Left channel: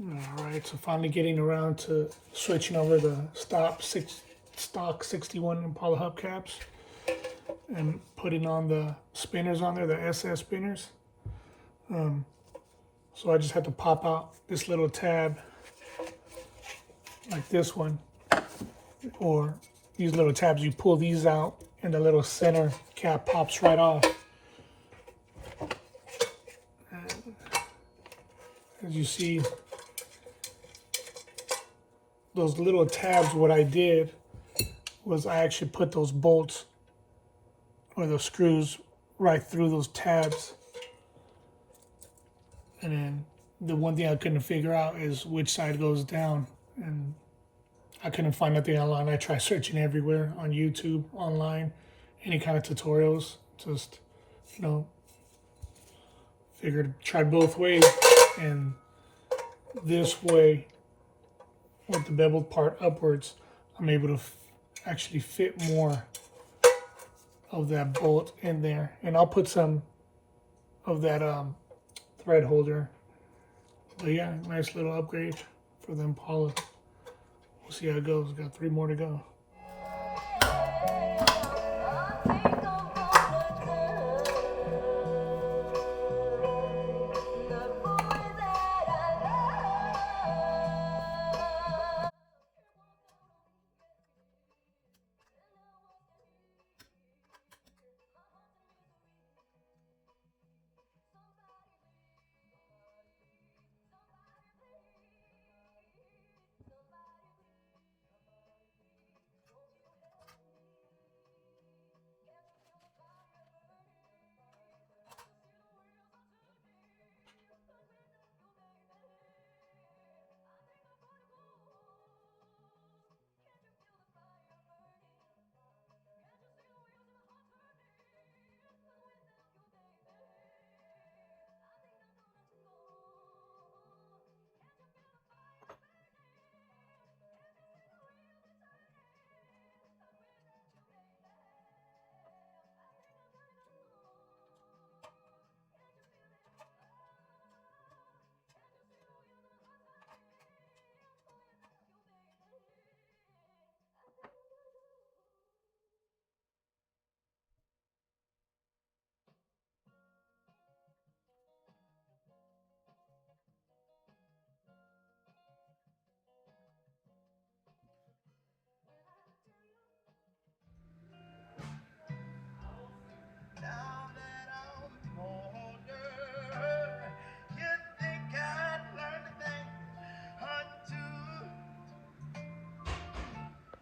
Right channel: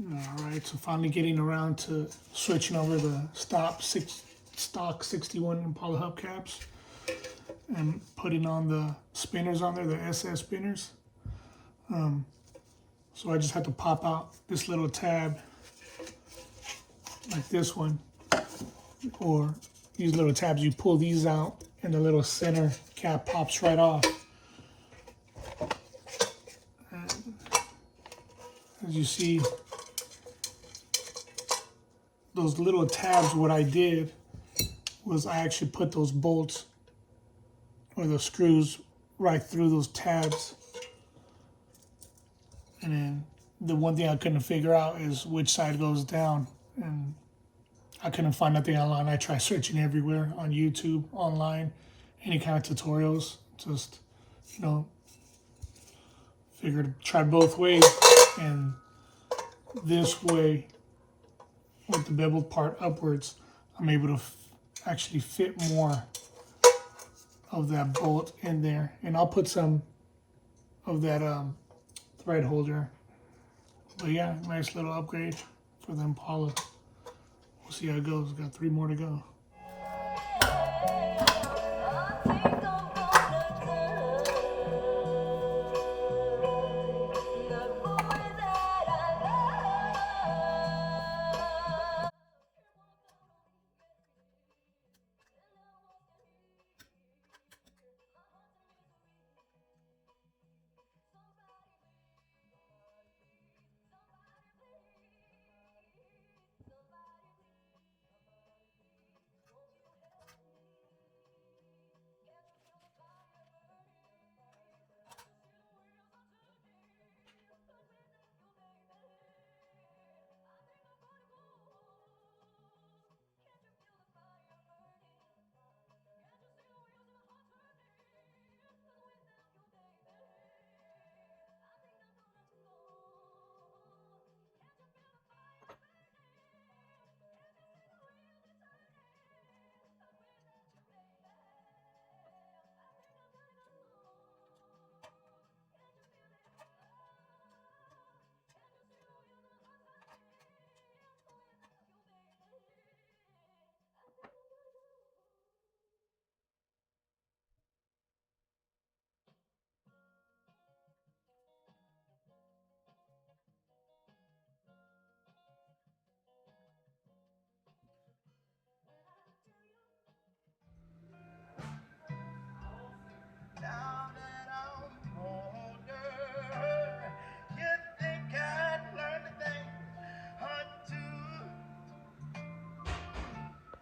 Alright, so finally getting around to switching over the stock 61 Impala hubcaps and putting on the spinners on there, the SS spinners. So I just had to pop out this little tab like this one, or these little tabs, you pull these out and the little center cap pops right off. And as you see, those little tabs, what I did was I actually put those bolts or the screws right through those tabs. And then the one thing I couldn't figure out is which side goes down. And I couldn't find nothing online. I tried searching everywhere on YouTube, online, any kind of tutorials. Just, you know, tried both ways. And this way, with the beveled part upwards, I'm able to actually fit more of that bolt in there. And I'll put some of that thread holder. But yeah, nice little upgrade for the Impala. We'll see how it goes. Got 3 more to go.